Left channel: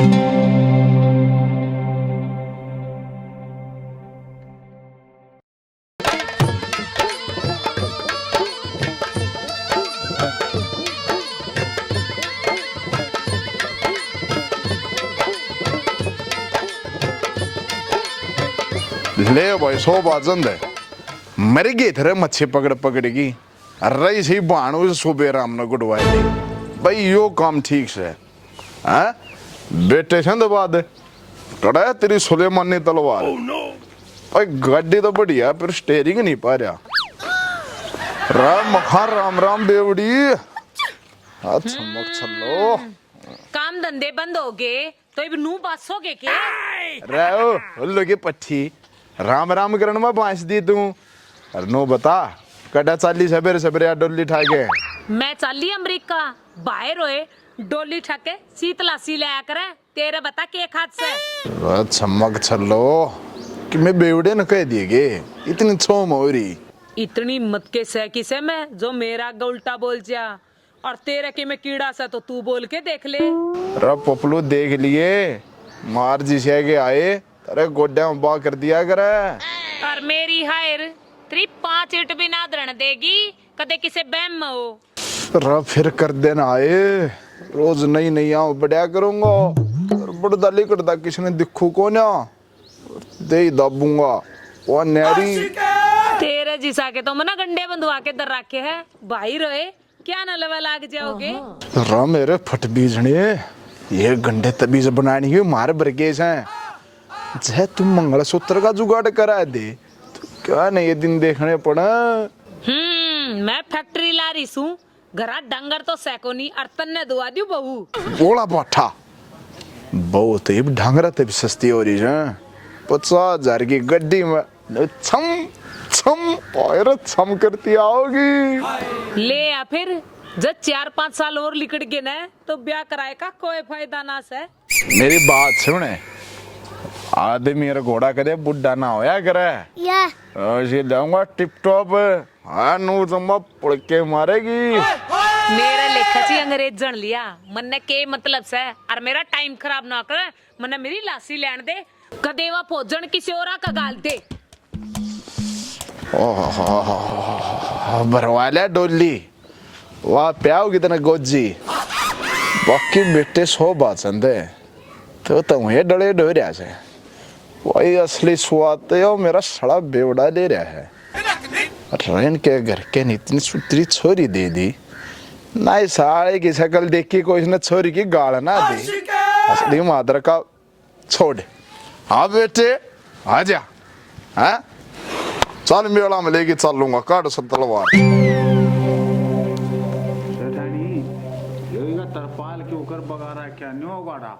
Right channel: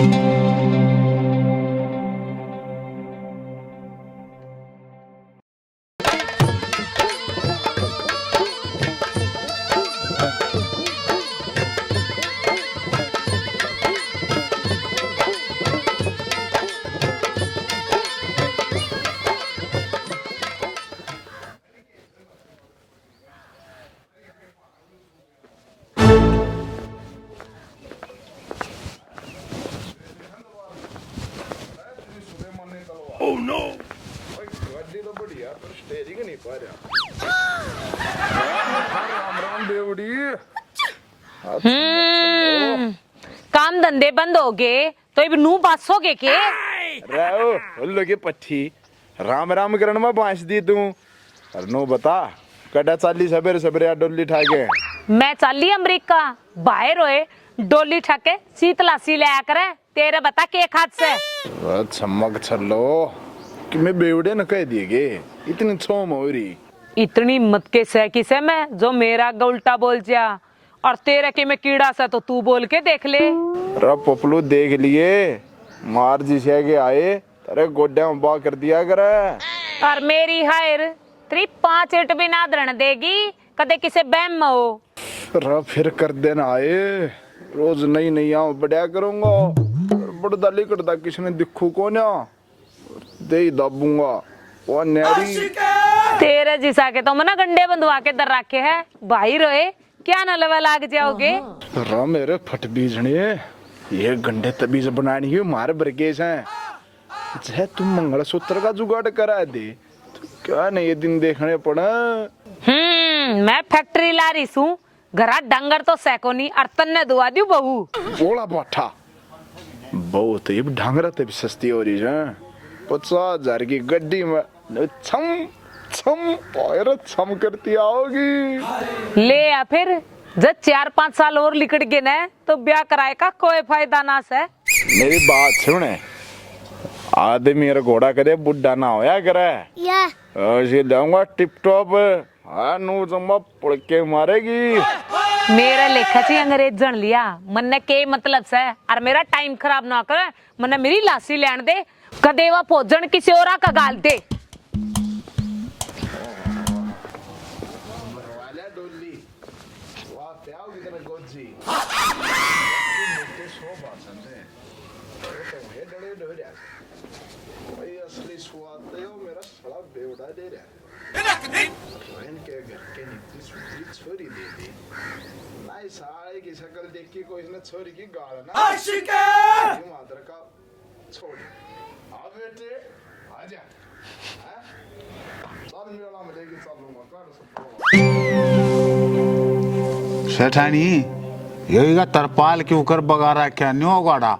ले भाई 100 बाजन दे मर गए थे मच्छी पकड़ पकड़ेगी रही सी बाणु सुबह राम ने गुडवाई भाई यो काम ठीक से हैं बेटे से बाद कड़ा तेरी सुलेमानी तलवार भाई गाड़ी तो बढ़िया पर स्टेयरिंग नहीं पा रहा राम मखा राम राम बेवड़ी काम धंधे बंद हो गए तो अब नू बासोगे के उल्लू की पट्टी राम राम करण में बांस दी तू और नो बता कटा चाली सबेरे सबेरे डोली ठाके मैं चाली अमेरिका बाहर होए डोली ठाके शीतलासी ले आकर तेरे बता के हाथ से चमक छलो कि मैं बेवड़े न कह दिए इतनी छोम हो रही इतनी मत के सहकी से मैं जो मेरा उल्टा बोल जा और तेरे के मैं कीड़ा सा तो तू बोल के देख ले रब पपलू देख लिए मार जी से के आए तेरे गोड्या उबा कर दिया करे और मेरी हायर तेरी 5 ईंट भी ना धरण देगी कदे किसे बहम में हो रब फिर कर देना आए रोज नई नई आऊं बढ़िया करूंगा बड़दा लिकड़दा किसने दिखू को ना दे दाबूंगा वो नेड़ी तेरे जिसा के तो मना गंडे बंधवा के दर रखे है भाई रोए क्या न लवा लाग जाओगे रा मेरे फट बीजने ये गंडे तबीज बनानी है मार बरगेस हैं चाहे तुम मंगलसूत्र का जुगाड़ करा दे तो क्या नहीं ये दिन देखने पड़ा मैं फैक्ट्री ला रही हूँ घरा डंगर तो सैकोनी अर्तन ने दुआ दी बहू बोला बाठा बहू तो ये ढंगरा तब सस्ती हो रही है 50,000 की गड्डी में छम छम और छम करती आओगी ले या फिर जब 4-5 साल और लिकड़ गए ना तो ब्याह कराए का कोई फायदा ना से मेरी बात सुने आदमी मेरा घोड़ा करे बुढ़ा ना होया करे या ऐसे जाऊंगा टिप टॉप हाँ नो जम्मा पड़ के मारेगी मेरा लेखा ची अंग्रेज जन लिया मन ने के मतलब से और मेरा टाइम खराब ना करे मन मेरी लासी लेन दे कदेवा भोजन किसी और का गाल दे भरवाले डोली वाह प्याओ कितना गोजी बाकी बेटे 100 बात है तो तुम ये डले डोरिया से वही असली स्वाद तो मेरा सड़ा बेवड़ा ले रहा है रेन के घर के इतनी सुतरी छोरी दे दी ना साले की शक्ल देख के कोई इसने छोरी की गाल ना दी असली मादर का छोड़ हाँ बेटे आजा हाँ चल मेला में लेके चल लूंगा काट सब तलवार सेठानी यही का तरपाल के ऊपर बगारा क्या न्यो गाड़ा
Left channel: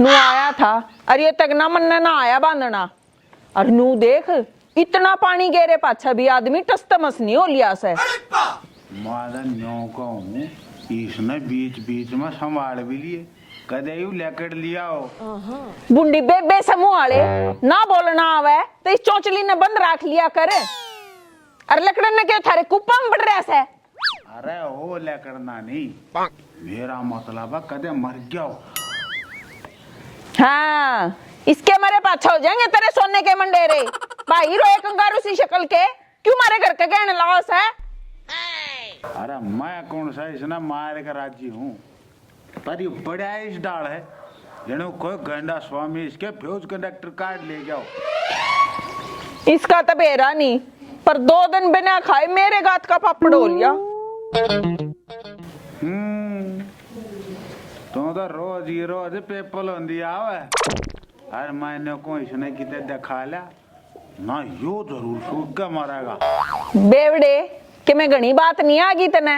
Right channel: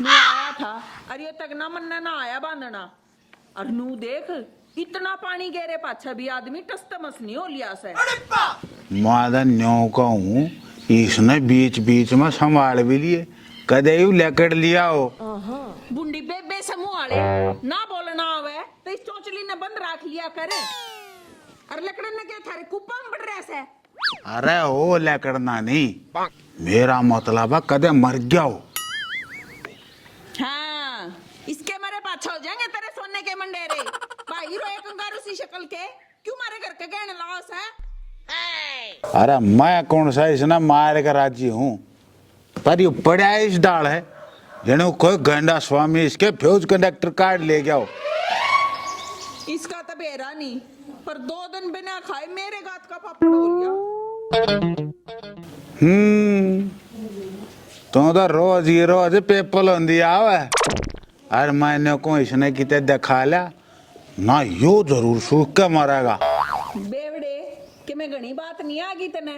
नू आया था और ये तक ना मन ना आया बांधना और नू देख इतना पानी गेरे पाछा भी आदमी टस्तमस नहीं हो लिया से मादा न्यो का हूँ इसने बीच बीच में संभाल भी लिए कदे यू लेकर लिया हो बुंडी बेबे समूह वाले ना बोलना आवे तो इस चौचली ने बंद रख लिया कर और लकड़न ने क्या थारे कुप्पा में बढ़ रहा से अरे हो लेकड़ना नहीं मेरा मतलब है कदे मर गया हो हाँ इसके मारे पाछा हो जाएंगे तेरे सोने के मंडेरे भाई रोए कंगारू सी शक्ल के क्यों मारे घर के गहने लॉस है अरे मैं कौन सा इसने मार कर राजी हूँ पर ये पड़ा इस डाल है जने कोई गंडा स्वामी इसके फ्यूज कंडक्टर कार्ड ले गया हो इसका तो बेरा नहीं पर 2 दिन बिना खाए मेरे गात का पापड़ हो लिया तो रोज ही रोज पेपल होंदी आवे अरे मैंने को इसने किते दिखा लिया ना यो जरूर सूख के मरेगा बेवड़े कि मैं घनी बात नहीं आ गई तने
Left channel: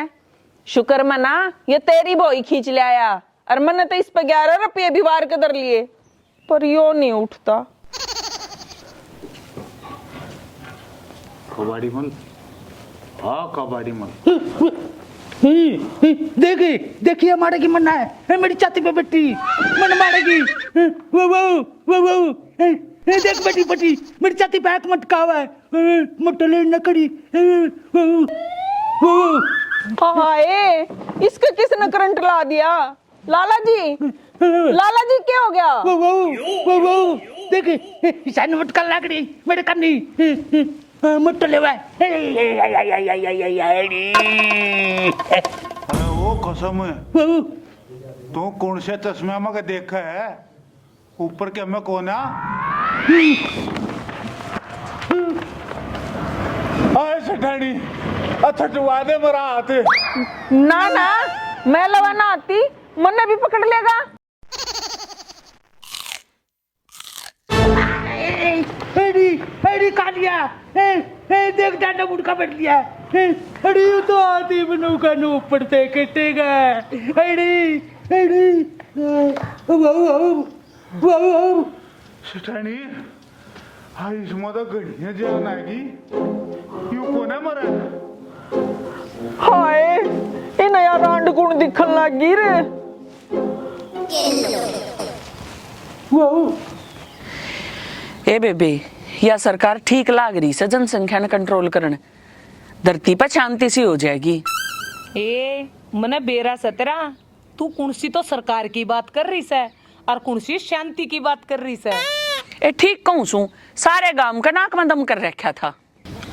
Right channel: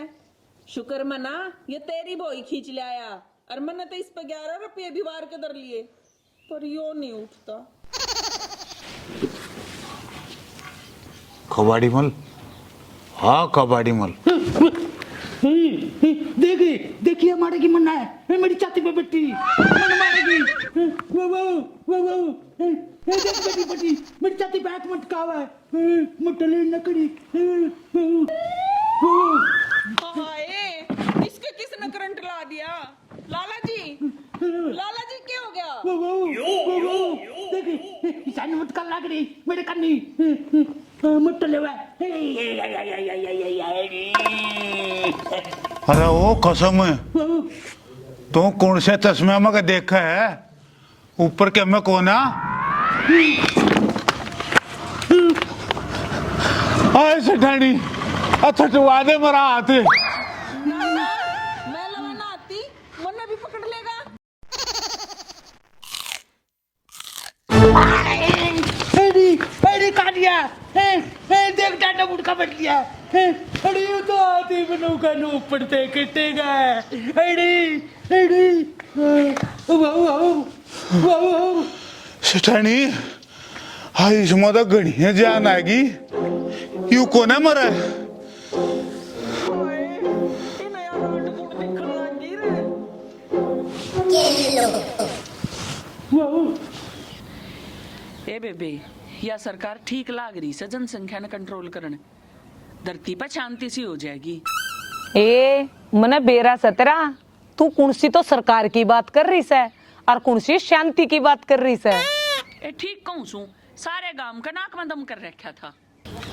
शुक्र मना ये तेरी बोई खींच ले आया और मैंने तो इस पे 11 रुपये भी वार के दर लिए पर यो नहीं उठता कबाड़ी मल हाँ कबाड़ी मल देखी देखिए मारेगी मन्ना है मेरी छाती पे बैठी मन मारेगी वो वो वो देख बैठी बैठी मेरी छाती पे हाथ मटकावा है मोटले न करी हाय इसके किसने करंट ला दिया लाला जी क्या हो गया? वो देख सान मटका लागड़ी मेरे कन्नी मुट्ठ लेवा अरे वो कसम है तो कौन से चश्मे में देखा है ऊपर के में कोना आए सेठानी अच्छा चुवादे मरा आते ना ना मैं लवा ना आती मन्ने भी पकड़ लेगा। अरे कानिया देख डांडा मुटका बैठ लिया अरे ये तो आती बनू का नो पड़ते कटेगा अरे सेठानी हाय इसमें तो घड़ी जान आएगी यू कोने मरा है हाय ये नया रांड गुण दिखन लगी रे। ए बेबे या सरकार ठीक लाग रही से जनसंख्या ने कंट्रोल करने धरती पर शांति सी हो जाएगी। ए मने बेरा सतरा तू कुणसी तो सरकार की बात कर रही है और कुणसी शांति की बात कर रही है। ए ठीक कहूँ सू सारे गांव का नाक में दम कर रखा था।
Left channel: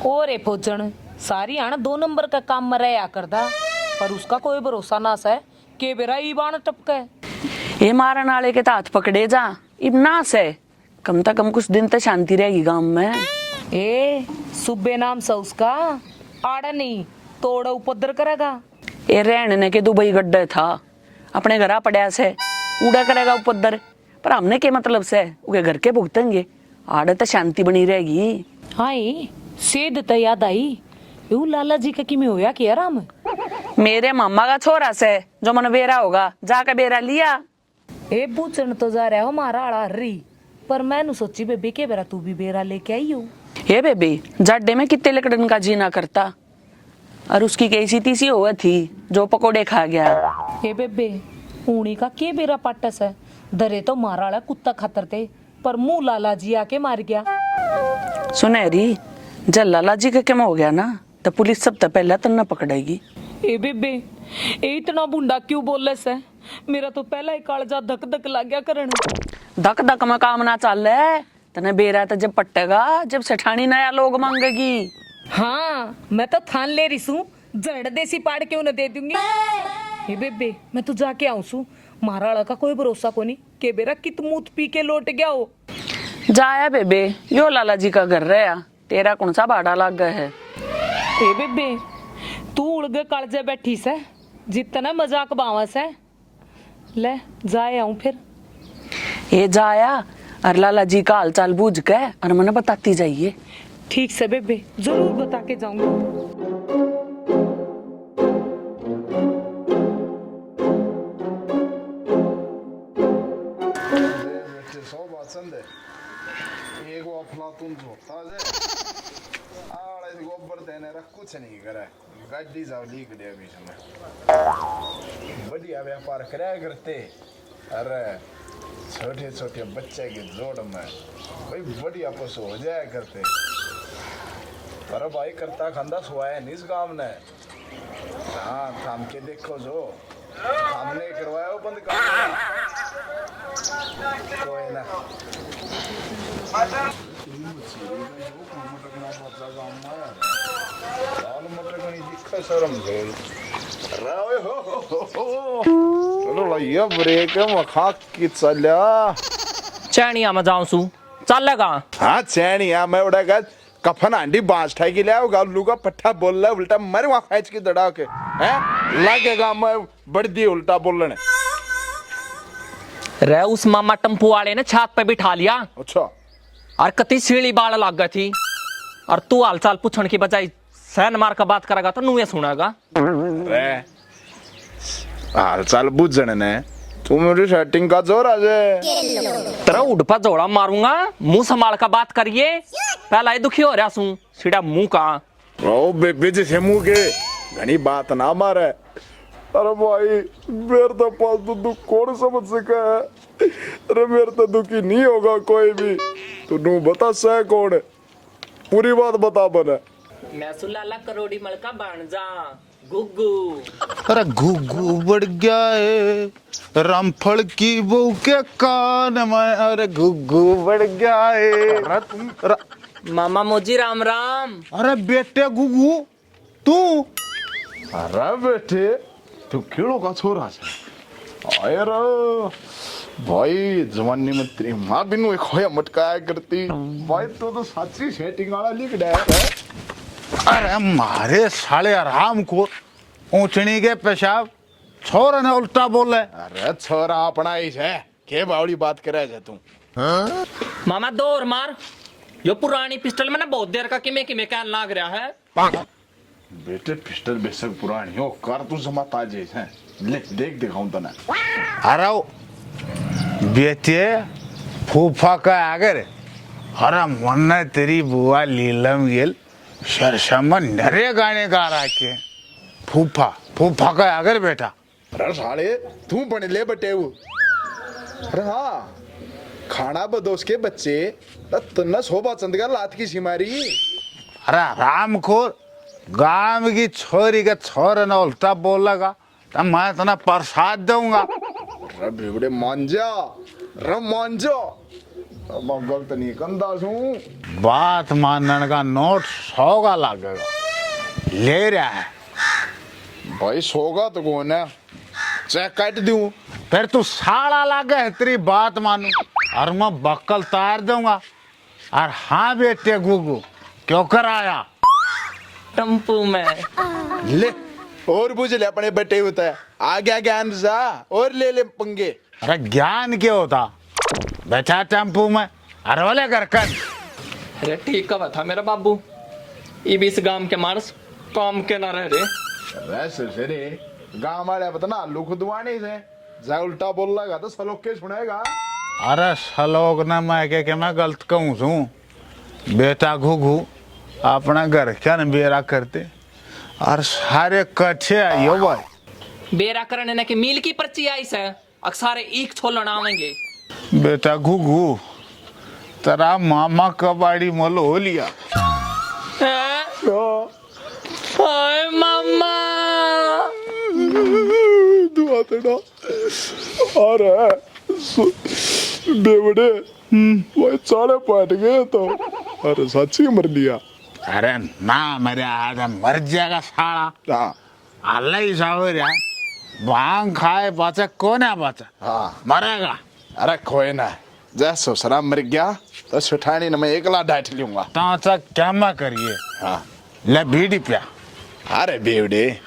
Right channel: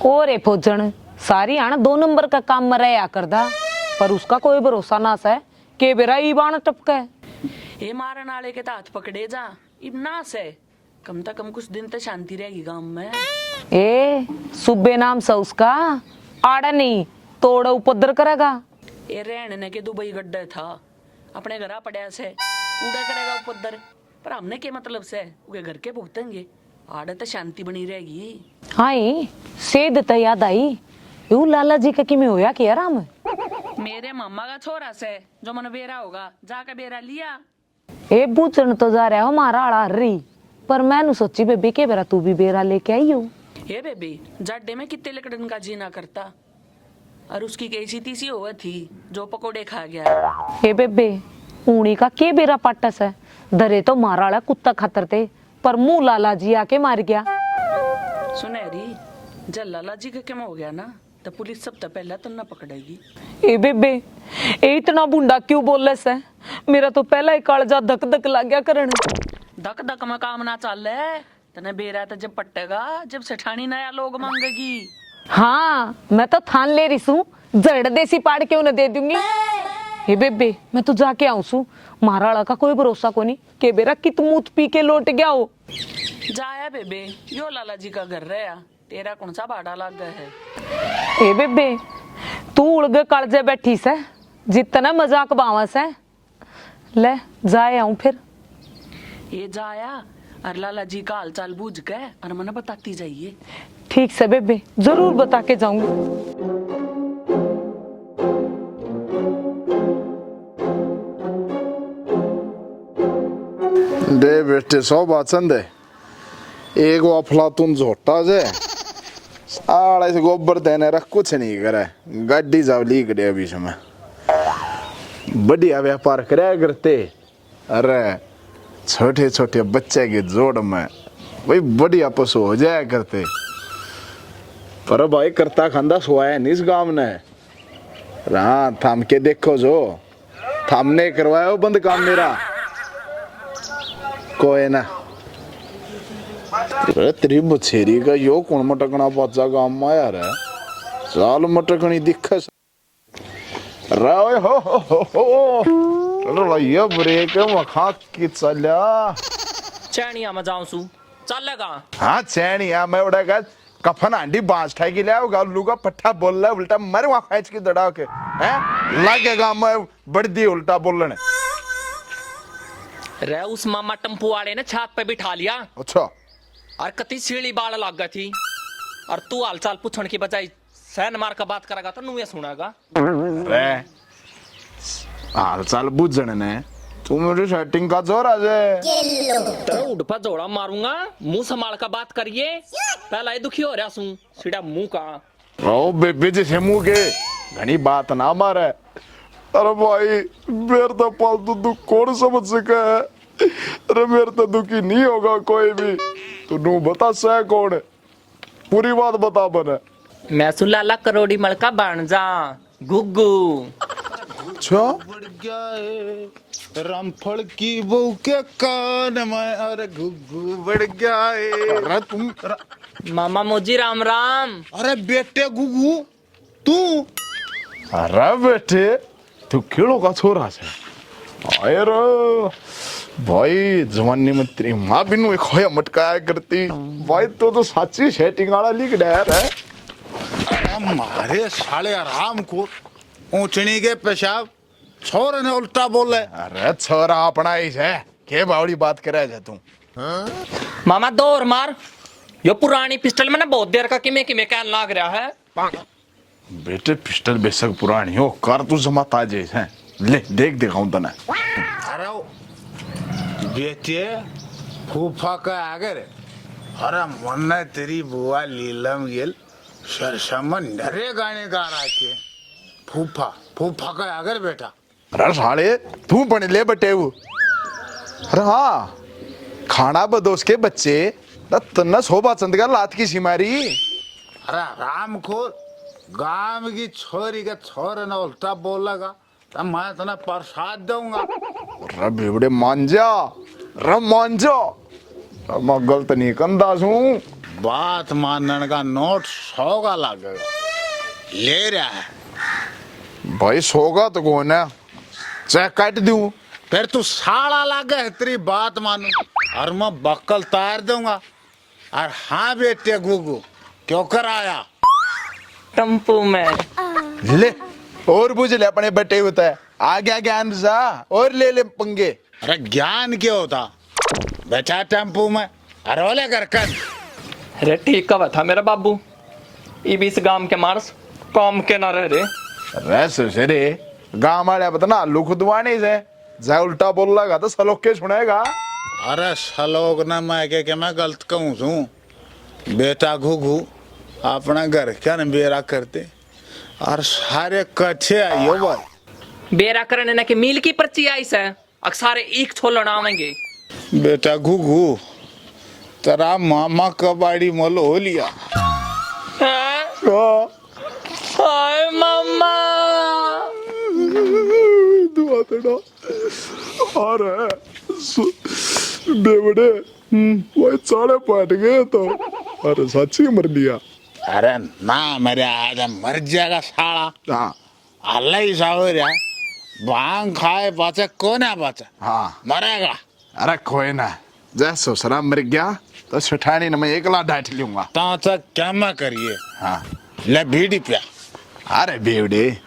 और फौजन सारी आन 2 नंबर का काम में रहा करदा पर उसका कोई भरोसा ना है के बेरा ईबान टपके ये मारन वाले के हाथ पकड़े जा इब ना से कम से कम कुछ दिन तक शांति रहेगी गांव में। ए सुबे नाम से उसका आड़ा नहीं तोड़ा उपद्र करेगा। ये रहने ने के दुबई गड्ढे था अपने घर पड़ा से उड़ा करेगा उपद्र पर हमने के मतलब से उके घर के भुगतेंगे आड़े तो शांति बनी रहेगी। हाई सेध तो याद आई यू लाला जी का किमें होया कि आराम मेरे मामा का छोरा से जो मन बेरा होगा जाके बेरा लिया। ए पूछन तो जा रहा हो मारा आड़ा हर्री पर मैंने सोची बेबी के बेरा तू भी बेरा लेके आई हो। हे बेबी जाडे में कितने लकड़न का जीना करता और उसकी कैसी तीसी हुआ थी जो पकोड़े खा गया। ए बेबे ऊनी का के बेरा पाटस है दरे तो मारा आड़ा कुत्ता खातर थे पर मुंह लाला जी आके मार गया। सुनहरी जब लाला जी का क्या हो गया ना तो पुलिस सब तो पहले तन्ना पकड़ेगी। ए बेबे ए इतना बुंडा क्यों बोल से मेरा तो पहला ही कालजा धक धक लग गया करन। धक धक में काम ना चल है तने बेरा तो जब पट्टेगा जब सेठानी नया लोग मांगेगी। हाँ मैं तो थान ले रही हूँ जड़ देसी पाड़ क्यों न दे दूंगी। हे बेबे मैं तो जाके आऊं सू महाराणा का कोई भरोसा को नहीं के बेरा कित मूत पी के लौट गया हो। जाया बेबे यो लाला जी का घर रहा तेरा कौन सा भाड़ा लग गया है। ए बेबे तू उड़गे कालजे बैठी से जितना मजाक बावस है ले जाए आऊं फिर। ये जाया और लाला जी का हालचाल बूझ के और मैंने बताती जाइए। ठीक से बेबे जरूर बता के जाऊंगी। दे बेटे सौ बात संदे एक वो अफलातून झोटा जे साड़ा से गोबर देने रख कुछ नहीं करे गाड़ी जाव लीक दे अभी समय बढ़िया व्यापार कराया करते। अरे छोटे छोटे बच्चे के जोड़ में वही बढ़िया पशु हो जाया करते पर भाई करता खांदा सोया नहीं इस गांव ने। हाँ थाम के देखो जो थामने करवाया बंद काम मेरा कोई ना तेरी मुछेरी का यो कौन मटकना बच्चा गांव में आया रे लाल मटकनी दिखा शर्म राय हो चलो ये ब्रेक मखा की चल्या चैनिया में जाऊं सू चलेगा। हाँ चैनिया मैं उड़ा का कफन आंटी बांस ठाई के लिया गालू का पट्टा बोल रहा उल्टा मर वहां खाइच की दड़ा के हैं लागेगा मैं बढ़दी उल्टा बोलने रे उस मामा टम्पू वाले ने छात पे बिठा लिया अच्छा और कति सीढ़ी बाल लग गई थी और तू हालचाल पूछने की बजाय सैन मार का बात करेगा तो नुए सुनेगा। हाल चाल बुझने ने तू मेरी सेटिंग का जोर आज तेरा उड़ पर जोड़ा मारूंगा मुंह संभाल का बात करिए पहला ही दुखी हो रहा सू सीधा मुंह का ओ बेबी जी से मुंह के घनी बात ना मारे। अरे भाई मेरे तो पालतू दुख कौन समझ सका है। अरे मेरे तो दुखी नहीं होगा कोई भी तू नू बता सह कौन है पूरी बात बता बने। मैं सुलाला करोड़ी मलका बन जा गुग्गू अरे घुघू बढ़ गया है रामफल की बहू के कान में, अरे घुघू बढ़ गया है। अरे तुम मामा मोजी राम राम। अरे बेटे घुघू तू, अरे बेटे तू खेड़ो का छोरा छे? आए रे भाई जवानी में तेरी माँ भी नु खोया मटकाया करती भाई, तो साची सेटिंग वाला लिख डायर है। अरे मारे साले आराम को ऊंचनी के पेशाब छोरा ने उल्टा बोले। अरे छोरा अपना ही है, के बावड़ी बात करे जा तू? मामा दो और मार। यो पुरानी पिस्टल में ना बहुत देर का किमे किमे क्या लाग रहा है। बेटे पिस्टल बेशक पुरानी हो, कर तू जमा ताजे है, ले देख दिखाऊं तने। अरे वो बेटे फूफा का आगर, अरे मन तेरी बुआ लीलम गेल शरशमन नरे गाने गा रहा के फूफा फूफा का आगर बेटा। अरे साले तू बन ले बटे वो। अरे हाँ खाना बदोस के बच्चे तना शोभा चंद का लात की सिमारी। अरे राम को गांव की छोरी का छोर न उल्टा बोलेगा तो मैं तना प्रसाद दूंगा। अरे बेवड़े मान जा, अरे मान जा, मैं गलत नहीं कंदा हूँ। बात मानने का नोट 100 का लगेगा, ले रहा है भाई सोगा तो कौन है, चाहे काट दूं। फिर तू साड़ा लगा है तेरी बात मानू और मैं बक्कल तार दूंगा। और हाँ बेटे गुगु क्यों कर आया? टम्पू में ले और बुझ ले अपने बटे होता है, आ गया ज्ञान जा और ले ले पंगे। अरे ज्ञान क्या होता बैठा टेम्पू में, अरे वाले घर कर। अरे ठीक का था मेरा बाबू, इब इस गांव के मार्स काम के ना रह रे। अरे रे गाँव वाले बता लुक दुआने से जा उल्टा बोल लगा तो सलोक के सुनेगा। अरे सलोक ना मैं के मैं गलत कहूँ छू बेटा घुघू अपना घर का बेरा करते और सारे कच्चे आइयो भाई। बेरा करने ना के मील की पर्ची आई से अक्सारे एक छोलन आवेंगे। बेटा घुघू तेरा मामा कबाड़ी मोल हो लिया। हैं? हाय मामा। दुआ तेरा अरे बेवड़े भाई चाड़े पाट गए तो, अरे सच्ची मर लिया। अरे ना मेरे आज मर जाएगा साला। हाँ अल्लाह ही सावर यार भांग खाए बचा कौन है बचा? हाँ मरेगा। अरे कोई ना, जैसे ससुरा मर गया तो सुठानी न मैं एकला डांट लूंगा। ताचा क्या मैं करिए? हाँ ले बीड़ी पिया। अरे बेवड़े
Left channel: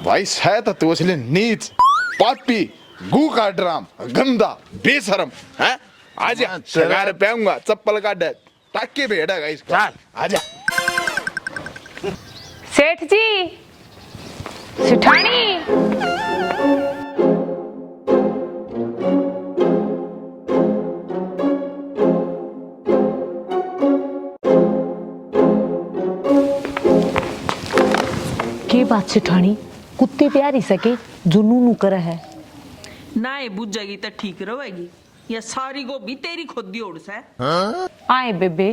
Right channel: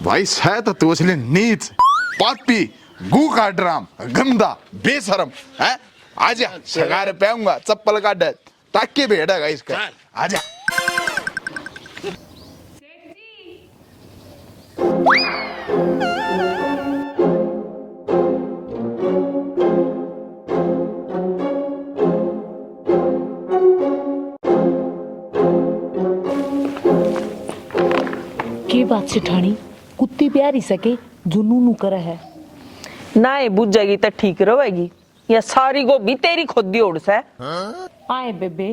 भाई शायद तो उसने नीच पापी गू का ड्राम गंदा बेशरम है। आजा सगार पेऊंगा चप्पल काट ताकि बैठेगा इसका। आजा सेठ जी, सेठानी। की बात सेठानी, कुत्ते प्यारी सके जो नू करे है ना ही बुझ जाएगी तो ठीक रहेगी, या सारी गोभी तेरी खुद दी ओढ़ से। आए बेबे,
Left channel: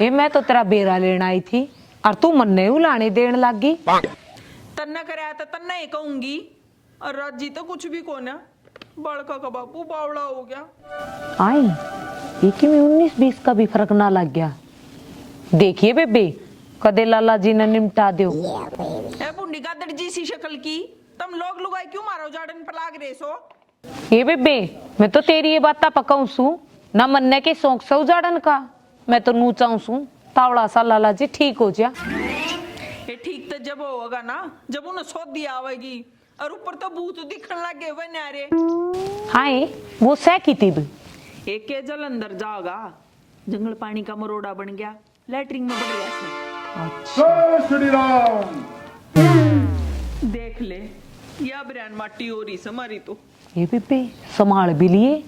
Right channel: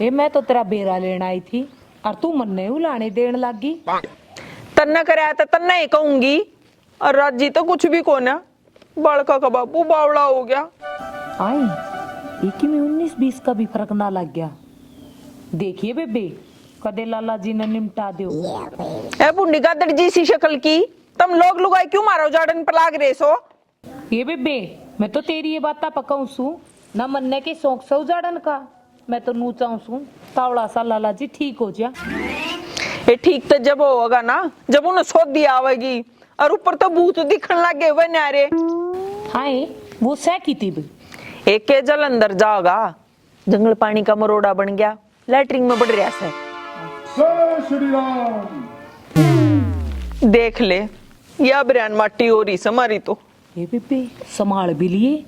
ये मैं तो तेरा बेरा लेना आई थी और तू मन्ने उलाने देने लगी। तन्ना कराया तो तन्ना ही कहूंगी, और राजी तो कुछ भी को ना, बड़का का बापू बावड़ा हो गया। आई एक में 19-20 का भी फर्क ना लग गया। देखिए बेबे कदे लाला जी ने निमटा दो। ए बुंडी का दर्जी सी शक्ल की तुम लोग लुगाई क्यों मारो जाड़न पर लाग रहे सो? ये बेबे मैं तो तेरी ये बात पकाऊं सू ना मन्ने के शौक से उजाड़न का, मैं तो नू चाहूं सू तावड़ा सा लाला जी ठीक हो जा। ये ठीक तो जब होगा ना जब उन्हें सोच दिया आवेगी, और ऊपर तो भूत दिखने लगे हुए न्यारे। हाय वो सह की थी भी एक के जल अंदर जाओगा, जंगल पानी का मरोड़ा बन गया, लैटरिंग में बढ़ रहा से। देख ले या ब्रांड माटी हो रही समारी तो। ये बेबे संभाल भी लिए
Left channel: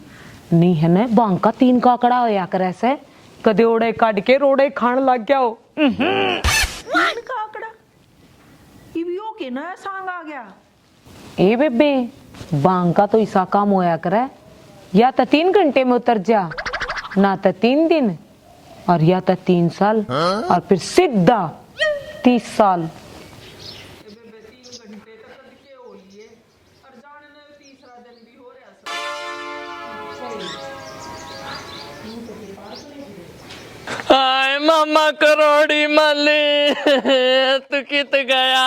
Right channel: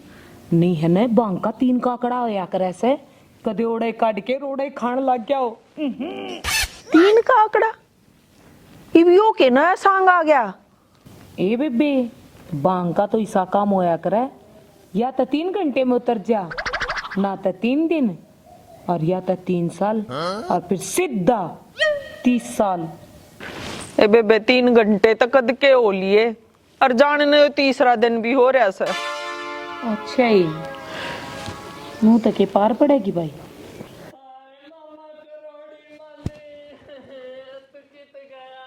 नहीं है ना, बांग का 3 काकड़ा होया करे से कदे ओड़े काट के रोड़े खान लग गया हो। 3 काकड़ा इबियो के ना सांग आ गया। ए बेबे बांग का तो ऐसा काम होया करे, या तो 3 घंटे में उतर जा, ना तो 3 दिन, और या तो 3 साल और फिर सीधा 30 साल। ए बेबे 3 घंटे तक कद के हो लिए और जाने तीसरा दिन भी हो रहा सर। अच्छा ही मुंह तक के पार पड़ेगी भाई। आय मामा करोड़ी माली तू कित गया।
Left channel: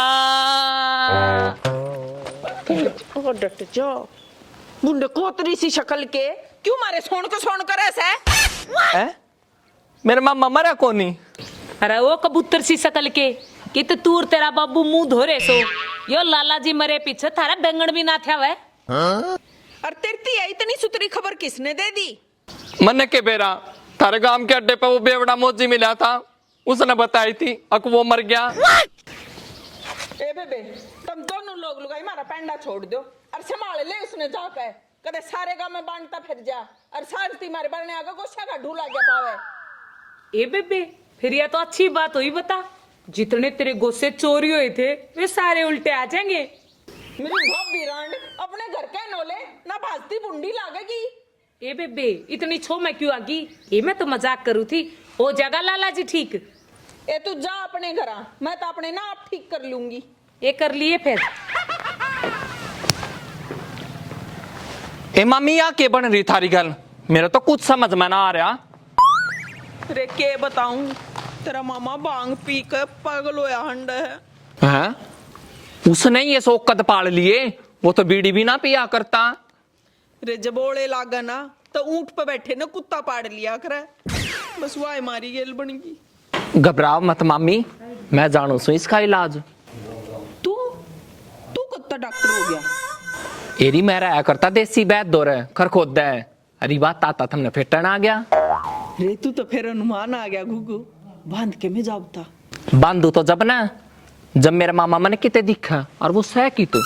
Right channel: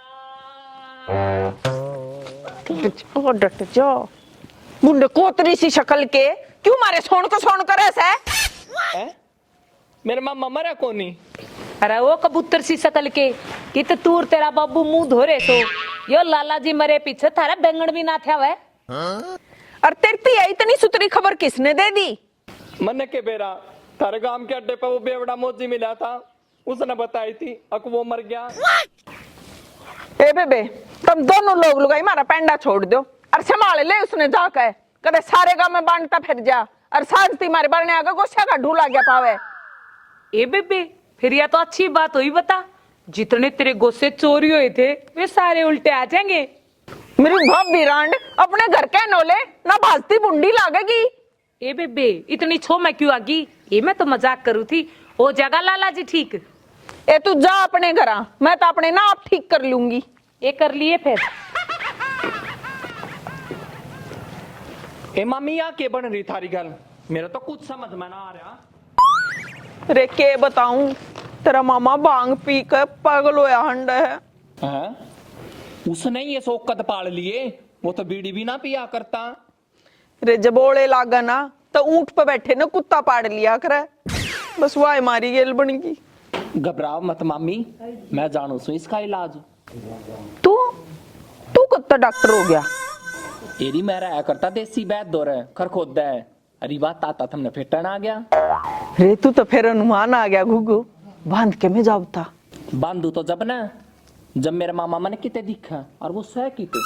डट जा मुंडे कोतरी सी शक्ल के क्यों मारे सोन करे से मेरे मामा मरा कोनी। अरे वो कबूतर सी शकल के कि तो तूर तेरा बाबू मुंह धो रहे सो यो लाला जी मरे पीछे थारा बैंगन भी ना था वह। और तेरी इतनी सुतरी खबर किसने दे दी? मन के बेरा थारे गांव के अड्डे पे वो बेवड़ा मोजी मिला था, उसने बताई थी अक वो मर गया। ए बेबे तुम दोनों लोग लुगाई मारा पेंडा छोड़ दो और संभाल ले उसने जाकर कदे सारे गांव में बांटता फिर जा और सांझती मारे बारने आगे गोशा का ढूला गया पावे। ए बेबे फिर यह तो अच्छी बात हुई, बता जितने तेरे गोसे चोरी हुए थे वे सारे उल्टे आ जाएंगे। मेरी भाभी रांड अपने घर के नोले ना भाजती बुंडी लागेगी। ए बेबे इतनी छो मैं क्यों आगी, ये मैं तो मजाक करू थी। हो जाएगा लाला जी ठीक। ए तू जा अपने घर, मैं तो अपने ना आप ठीक कर लूंगी। ये कर लिए फिर। ए मामी या के बन रही थारी गल, मेरा तो कुछ समझ में ना आ रहा। अरे के बताऊं तेरा मामा भांग पी कर पागल होया हंड है। उसने ये शौकत पाल लिए, वो तो बीड़ी भी ना पिया करता। रे जब ओले लागा ना तो ऊंट पे बैठे ना कुत्ता पाड़ लिया करे, बस वाह मारी गेल बन गई। घबराओ मत मामी, मैं जानू सू इसका इलाज। तू तू कुत्ता डॉक्टर हो गया? एरी मेरा है करता देसी बैद दो रहे खर खोद है। अरे बात आता तुमने फिटन आ गया। रे तू तो फिर अनुमान आ गया घुगु, बांध के में जाबता। बांधू तो जब ना जब मेरा मामा मैंने किते दिखा और वो सह की तो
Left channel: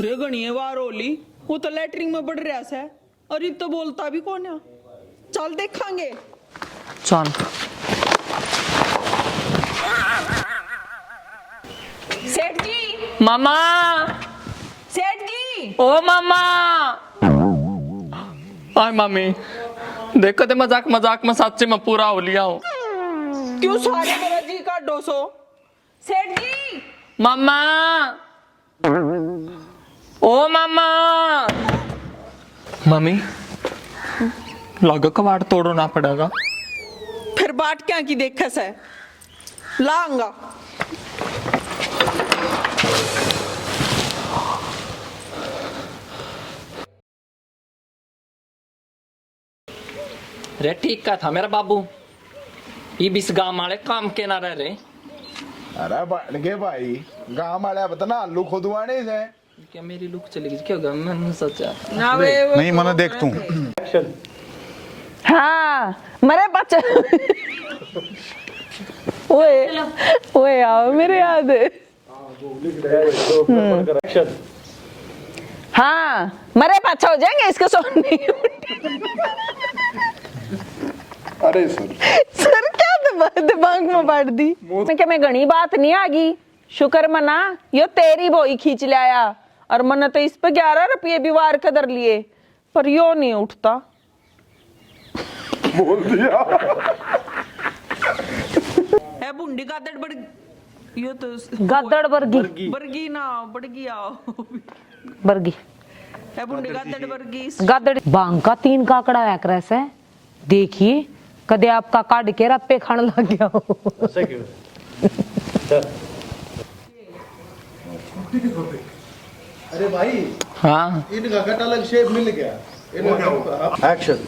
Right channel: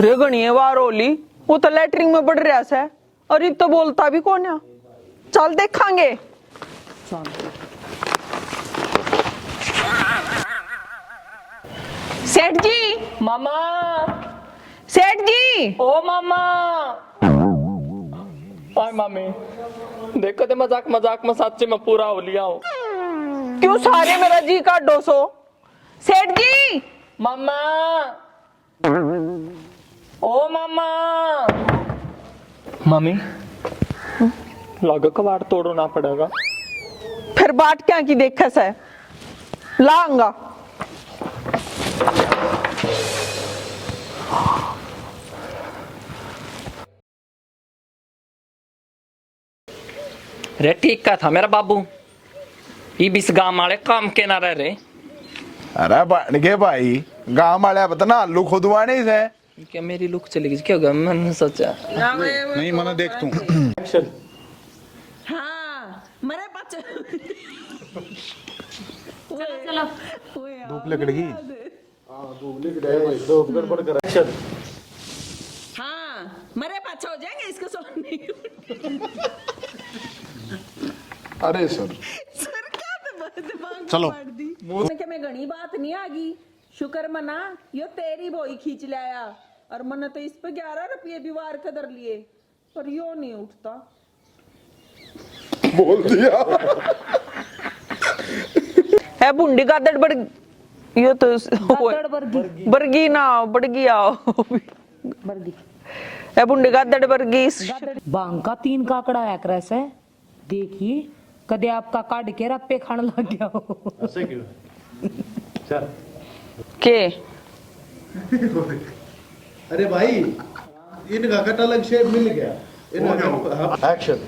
रे गणिये बार होली वो तो लेटरिंग में बढ़ रहा है और इत तो बोलता भी कौन है। चल देखांगे। चल सेठ जी, मामा, सेठ जी, ओ मामा। आय मामी देखो ते मजाक मजाक में सच्चे में पूरा हो लिया हूँ। क्यों सारे मेरा जी का डोसो? सेठ जी, मामा, ओ मामा। मम्मी लगा कबाड़ तोड़ना पड़ेगा। फिर बाट क्या की देखा से लांगा। रे ठीक का था मेरा बाबू, ये बीस गांव वाले काम के ना रह रहे। अरे बन गए भाई, गांव वाले बता आलू खुदवाने से क्या मेरी लुक चली गई, क्या होगा मैंने सोचा। नहीं मना देख तू। हाँ मरे बच्चे ओए ओए आओ मेरे याद। हाँ मरे पाछा हो जाएंगे इसके सोने। अरे सर क्या दिमाग में बांट दी। मैं घनी बात नहीं आगी, शुक्र मना यो तेरी बोई खींच लाया और मन तो इस पे 11 रुपये भी वार कदर लिए पर यो नहीं उठता। बोल दिया है बुंडी गादड़ बड़ यो तो गादड़ बरगी बरगी ना बड़गी आओ बरगी है बुंडी गादड़ बरगी गादड़ बांग का 3 काकड़ा है क्रैस है। देखिए कदे आपका काट के रप्पे खाने लग गया हो। के अरे भाई हाँ इनका कट अलग शेप मिल गया। एक्शन।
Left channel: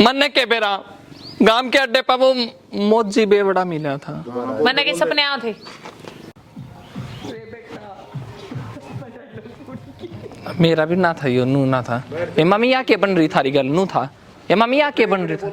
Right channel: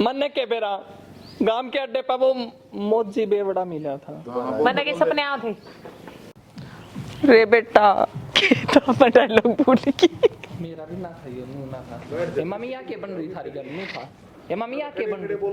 मन के बेरा गांव के अड्डे पर वो मोजी बेवड़ा मिला था। मैंने के सपने आए थे। रे बेटा कितना डायलॉग बोली की। मेरा भी ना था, यो नू ना था। ए मम्मी या के बन रही थारी गल नू था। ए मम्मी या के बन रही था।